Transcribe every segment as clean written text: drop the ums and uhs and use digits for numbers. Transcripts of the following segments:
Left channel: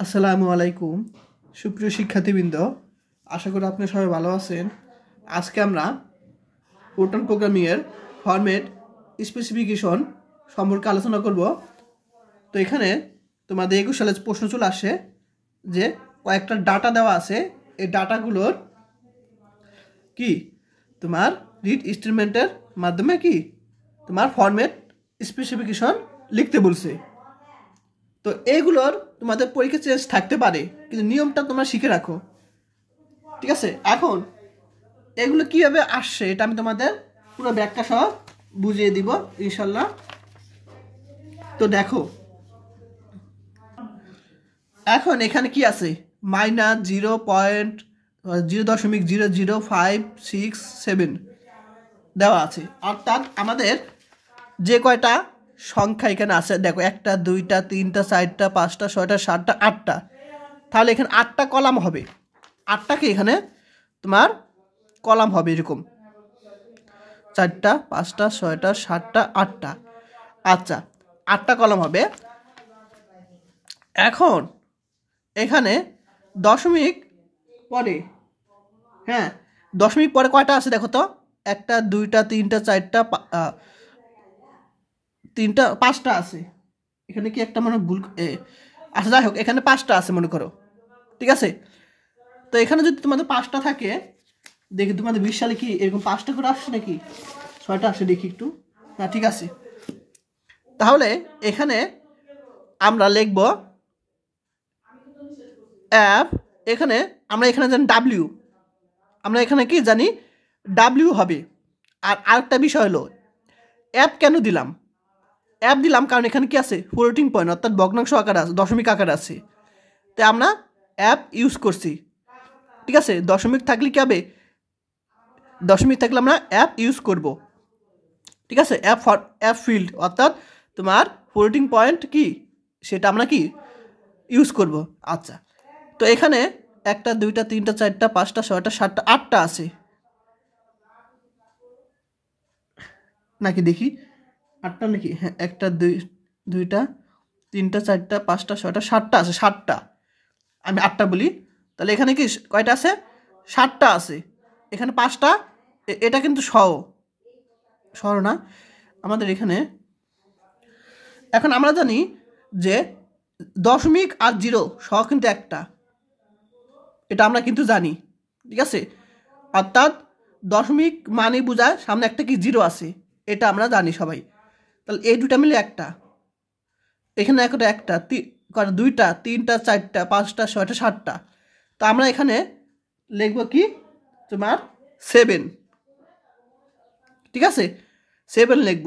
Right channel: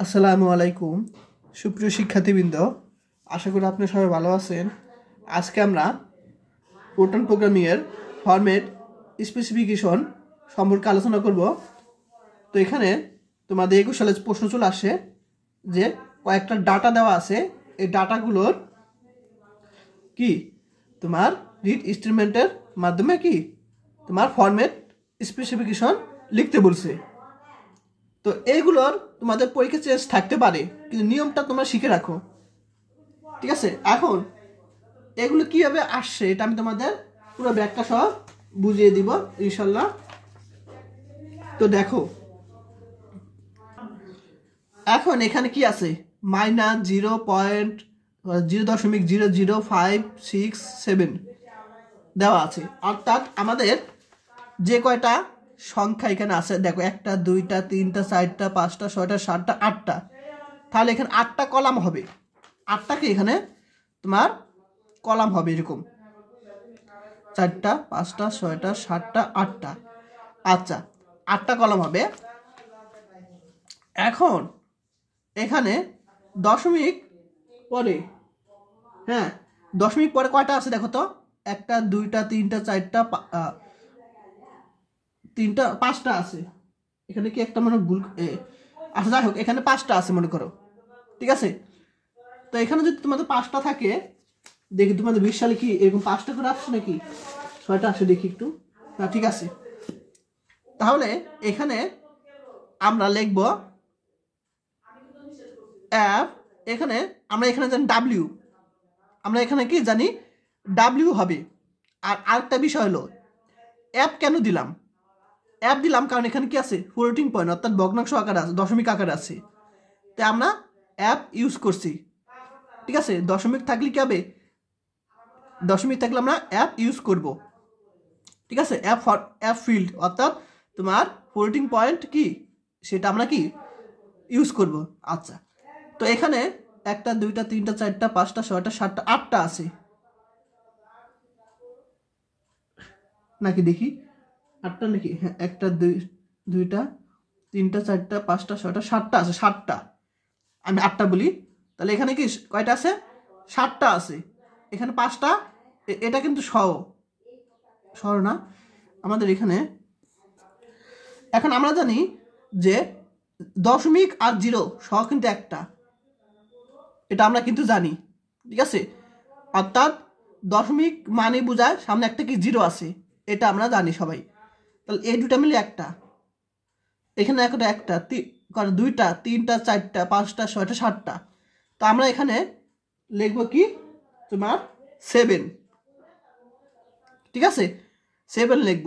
আসসালামু আলাইকুম সুপ্রিয় শিক্ষার্থীবৃন্দ, আশা করি আপনি সবাই ভালো আছেন। আজকে আমরা প্রোটন প্রোগ্রামিংয়ের ফরম্যাট স্পেসিফিকেশন সম্পর্কে আলোচনা করব। তো এখানে তোমাদের 21 সালের প্রশ্ন চলে আসে যে কয়েকটা ডাটা দেওয়া আছে, এই ডাটাগুলোর কি তোমার রিড স্টেটমেন্টের মাধ্যমে কি তোমার ফরম্যাট স্পেসিফিকেশন লিখতে বলছে। তো এইগুলোর তোমাদের পরীক্ষা চেঞ্জ থাকতে পারে, কিন্তু নিয়মটা তোমরা শিখে রাখো, ঠিক আছে? এখন এগুলো কীভাবে আসছে এটা আমি তোমাদের পুরো ব্যাখ্যা সহ বুঝিয়ে দিব ইনশাল্লাহ। তো দেখো, এখন এখানে কি আছে, -0.0.00567 দেওয়া আছে, অর্থাৎ আমাদের যে কয়টা সংখ্যা এখানে আছে দেখো, 1টা 2টা 3টা 4টা 5টা 6টা 7টা 8টা, তাহলে এখানে 8টা কলাম হবে। 8টাকে এখানে তোমার কলাম হবে এরকম 4টা 5টা 6টা 7টা 8টা। আচ্ছা, 8টা কলাম হবে। এখন এখানে দশমিক পরে, হ্যাঁ দশমিক পরে কয়টা আছে দেখো তো, 1টা 2টা 3টা 4টা 3টা 5টা আছে। এখানে কি একটা মনে ভুল, আচ্ছা যাই হোক, এখানে 5টা আছে মনে করো, ঠিক আছে? তো এখানে যদি তোমাদের 5টা থাকে, দেখি তোমাদের 20 সালে কি এরকম 5টা করে আসছে নাকি 6টা আসে দেখি একটু। না ঠিক আছে, তাহলে এখানে আমরা লিখব অ্যাপ, এখানে আমরা এখানে জানি ডাব্লিউ, আমরা এখানে কি জানি ডাব্লিউ হবে। আর আরেকটা বিষয় হলো অ্যাপ কেন দিলাম, অ্যাপ দিলাম কারণ এখানে কি আছে ফ্লোটিং পয়েন্ট, অর্থাৎ ভগ্নাংশ আকারে আছে, দশমিক আকারে আছে, তাই আমরা অ্যাপ ইউজ করছি, ঠিক আছে? দশমিক থাকলে কি হবে, দশমিক থাকলে আমরা অ্যাপ ইউজ করব, ঠিক আছে? অ্যাপ ফিল্ড অর্থাৎ তোমার ফ্লোটিং পয়েন্ট কি সেটা আমরা কি ইউজ করব। আচ্ছা, তো এখানে 1টা 2টা 3টা 4টা 5টা 6টা 7টা 8টা আছে নাকি দেখি, 8টা নাকি, হ্যাঁ 1টা 2টা 3টা 4টা 5টা 6টা 7টা আছে, 7টা, আমি 8টা বলি, তাহলে এখানে কি কয়টা আছে, 7টা আছে। এখানে 5টা, এটা কিন্তু সহ না আমাদের এখানে। এখন আমরা জানি যে দশমিক আর জিরো সহ কিন্তু একটা, এটা আমরা কিন্তু জানি, ঠিক আছে? অর্থাৎ দশমিক মানে বোঝায় সামনে একটা কি জিরো আছে, এটা আমরা জানি সবাই। তাহলে এই দুটা মিলে একটা, এখানে একটা 2টা 3টা 4টা 5টা 6টা 7টা, তো আমরা এখানে লিখব কি তোমার 7, ঠিক আছে? 7 লিখব।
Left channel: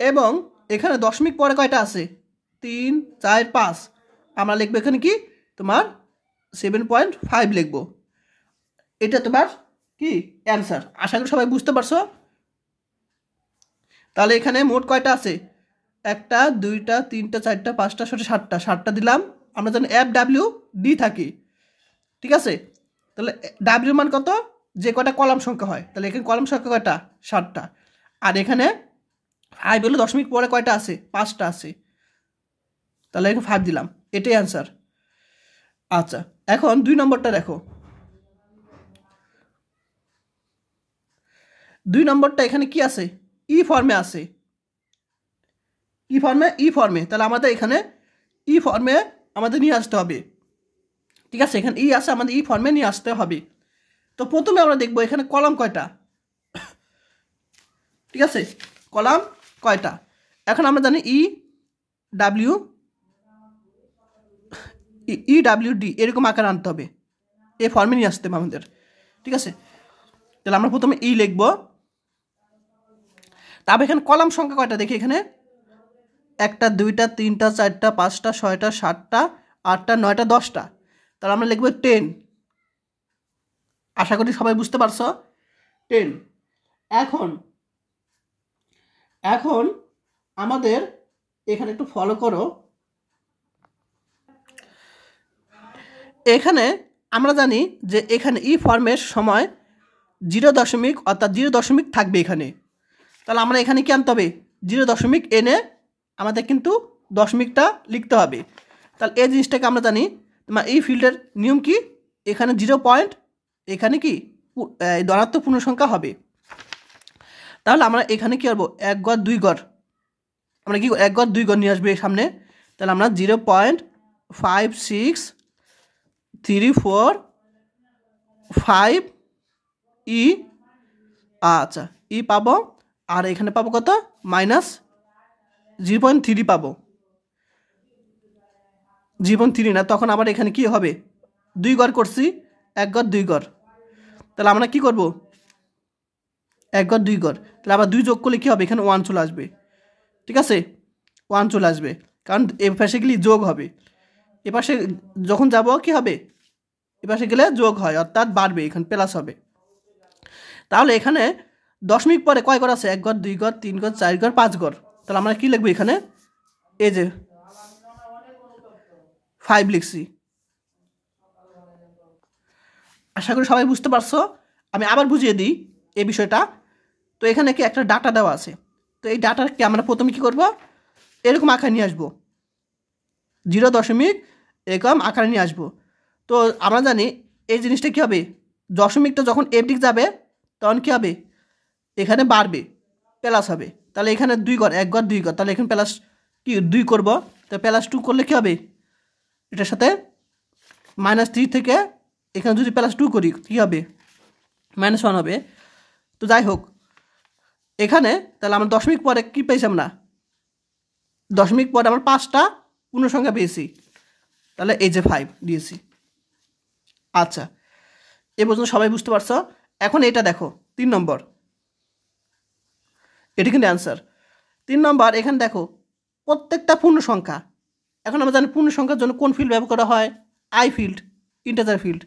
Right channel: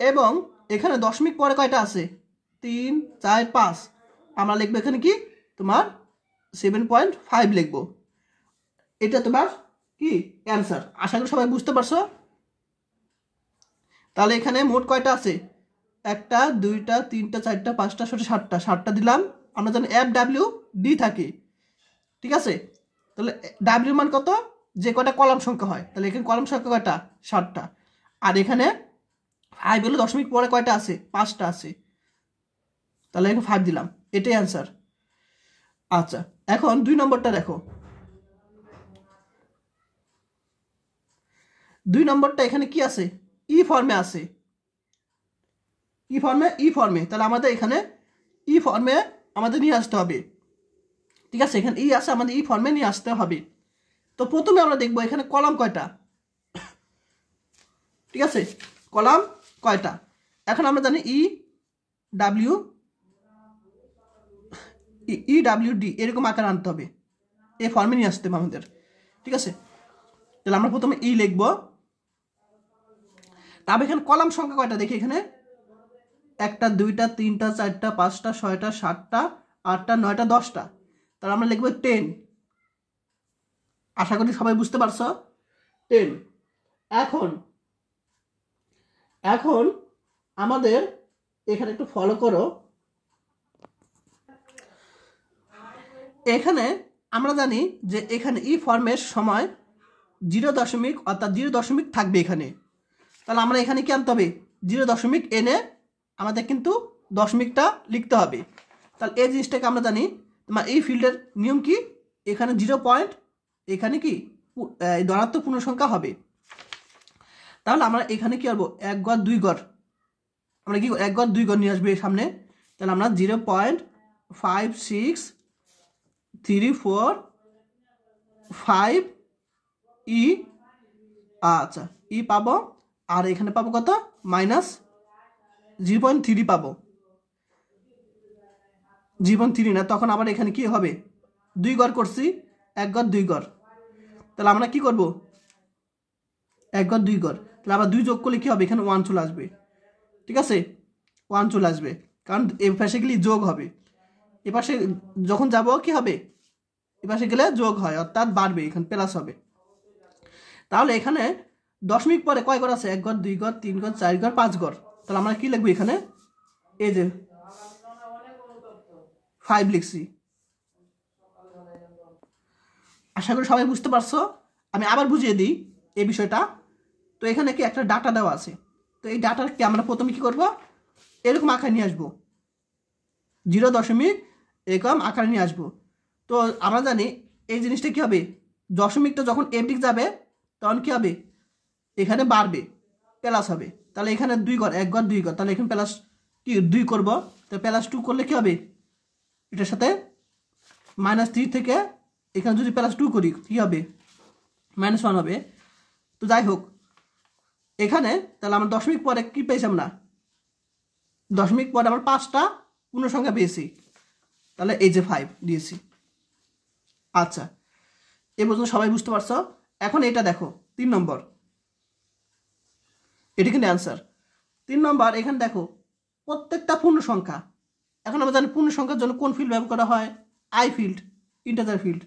এবং এখানে দশমিক পরে কয়টা আছে, 3 4 5, আমরা লিখবো এখানে কি তোমার 7.5 লিখবো। এটা তোমার কি অ্যান্সার, আশা করি সবাই বুঝতে পারছো। তাহলে এখানে মোট কয়টা আছে, 1টা 2টা 3টা 4টা 5টা 6টা 7টা, 7টা দিলাম। আমরা জানি এফ ডাব্লিউ ডি থাকে, ঠিক আছে? তাহলে ডাব্লিউ মান কত, যে কয়টা কলাম সংখ্যা হয়, তাহলে এখানে কলাম সংখ্যা কয়টা 7টা, আর এখানে 5 বলে দশমিক পরে কয়টা আছে, 5টা আছে, তাহলে এখানে 5 দিলাম, এটাই অ্যান্সার। আচ্ছা, এখন 2 নম্বরটা দেখো, 2 নম্বরটা এখানে কি আছে, ই ফর্মে আছে, ই ফর্মে, তাহলে আমাদের এখানে ই ফর্মে আমাদের নিয়ে আসতে হবে, ঠিক আছে? এখানে ই আছে, আমাদের ই ফর্মে নিয়ে আসতে হবে। তো প্রথমে আমরা দেখবো এখানে কলাম কয়টা, ঠিক আছে? কলাম কয়টা, এখন আমরা জানি ডাব্লিউ ডি এরকম আকার আনতে হবে, এই ফর্মে নিয়ে আসতে হবে আমাদের, ঠিক আছে? তাহলে আমরা প্রথমে ই লিখবো। তারপর এখানে কলাম সংখ্যা কয়টা দেখি, এখানে 1টা 2টা 3টা 4টা 5টা 6টা 7টা 8টা 9টা 10টা, তাহলে আমরা লিখবো 10। আশা করি সবাই বুঝতে পারছো, 10। এখন আমাদের এখানে একটু ফলো করো, এখানে আমরা জানি যে এখানে ই ফর্মের সময় 0 অর্থাৎ 0 থাকবে এখানে, তাহলে আমরা এখানে কি আনতে হবে, 0 এনে আমাদের কিন্তু দশমিকটা লিখতে হবে। তাহলে এই জিনিসটাকে আমরা জানি তোমার এই ফিল্ডের নিয়ম কি, এখানে 0 পয়েন্ট, এখানে কি ধনাত্মক পূর্ণ সংখ্যা হবে। তাহলে আমরা এখানে কি করবো, 1 ঘর 2 ঘর, আমরা কি 1 ঘর 2 ঘর নিয়ে আসবে সামনে। তাহলে আমরা 0.5634 ই, আচ্ছা ই পাবো, আর এখানে পাবো কত, -0.3 পাবো, 0.3 না, তখন আবার এখানে কি হবে, 2 ঘর করছি, 1 ঘর 2 ঘর, তাহলে আমরা কি করব, 1 ঘর 2 ঘর, তাহলে আবার 2 যোগ করলে কি হবে, এখানে 1 চলে আসবে, ঠিক আছে, 1 চলে আসবে, কারণ এ পাশে গেলে যোগ হবে, এ পাশে যখন যাব কি হবে, এ পাশে গেলে যোগ হয়, অর্থাৎ বাড়বে, এখানে প্লাস হবে। তাহলে এখানে দশমিক পরে কয় ঘর আছে, 1 ঘর 2 ঘর 3 ঘর 4 ঘর 5 ঘর, তাহলে আমরা কি লিখবো এখানে, এই যে 5 লিখছি। আশা করি সবাই বুঝতে পারছো। আমি আবার বুঝিয়ে দিই এই বিষয়টা। তো এখানে কি একটা ডাটা দেওয়া আছে, তো এই ডাটাকে আমরা প্রথমে কি করব, এরকম আকারে নিয়ে আসবো, 0 এরকম আকারে নিয়ে আসবো। তো আমরা জানি এই জিনিসটা কি হবে, দশমিকটা যখন এর দিক যাবে তখন কি হবে, এখানে বাড়বে, প্লাস হবে, তাহলে এখানে 2 ঘর 1 ঘর 2 ঘর, তাহলে এখানে প্লাস কি 2 করব, তো +2 করলে কি হবে, এটার সাথে -3 থেকে এখানে যদি +2 করি কী হবে, -1 হবে। তো যাই হোক, এখানে তাহলে আমরা দশমিক পরে কী পেয়েছি, আমরা দশমিক পরে আমরা 5টা পূর্ণ সংখ্যা পেয়েছি, তাহলে এই যে 5 দিয়েছি। আচ্ছা, এ পর্যন্ত সবাই বুঝতে পারছো। এখন এটা দেখো 3 নম্বর, এটি কিন্তু অ্যান্সার। 3 নম্বর, এখানে দেখো প্রত্যেকটা পূর্ণ সংখ্যা, এখন আমরা জানি পূর্ণ সংখ্যার জন্য কোন ফিল্ড ব্যবহার করা হয়, আই ফিল্ড, ইন্টিজার ফিল্ড।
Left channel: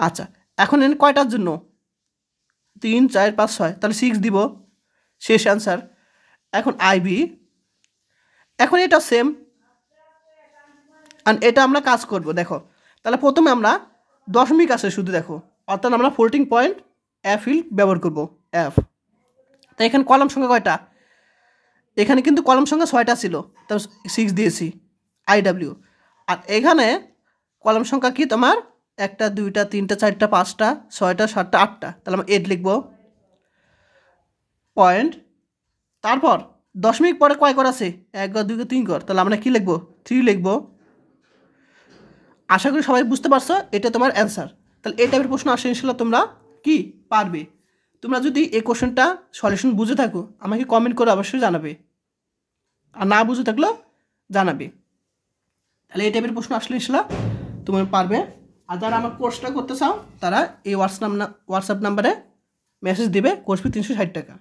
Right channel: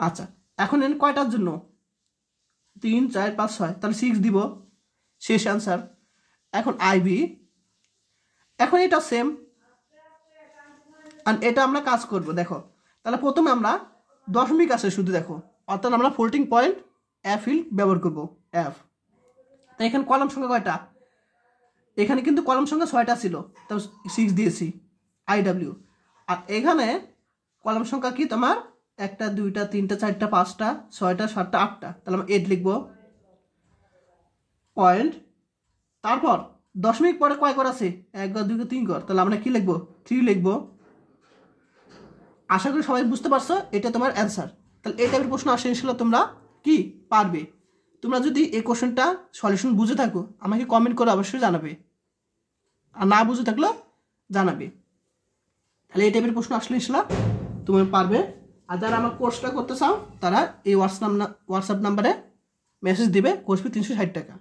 আচ্ছা, এখন এখানে কয়টার জন্য, 3 4 5 6, তাহলে 6 দিব, শেষ অ্যান্সার। এখন আইবি, এখন এটা সেম, আর এটা আমরা কাজ করব। দেখো তাহলে প্রথমে আমরা দশমিক আছে শুধু, দেখো অর্থাৎ আমরা ফ্লোটিং পয়েন্ট এফ ফিল্ড ব্যবহার করব, এফ। তাই এখানে কলাম সংখ্যা কয়টা, এখানে কিন্তু কলাম সংখ্যা 6টা ছিল, তার 6 দিয়েছি আইডাব্লিউ। আর এখানে কলাম সংখ্যা কি তোমার 1টা 2টা 3টা 4টা 5টা 6টা 7টা 8টা, তাহলে আমরা 8 লিখব পয়েন্ট। তারপর দশমিক পরে কয় ঘর আছে, 1 ঘর 2 ঘর 3 ঘর, তাহলে আমরা কি লিখব, 3 লিখব। আশা করি সবাই বুঝতে পারছো, এটা তোমার অ্যান্সার। তাহলে এই টাইপের প্রশ্ন আসে ইনশাল্লাহ তোমরা কি পারবে। তোমরা যদি এই কোশ্চেনটা সলিউশন বুঝে থাকো আমাকে কমেন্ট করে অবশ্যই জানাবে, আর না বুঝে থাকলেও জানাবে। তাহলে এই টাইপের প্রশ্ন আসলে ইনশাল্লাহ তুমি পারবে। আর যারা আমার কোর্সটা করতে চাও তারা এই হোয়াটসঅ্যাপ নাম্বারে মেসেজ দিবে, কোর্স ফি 360 টাকা।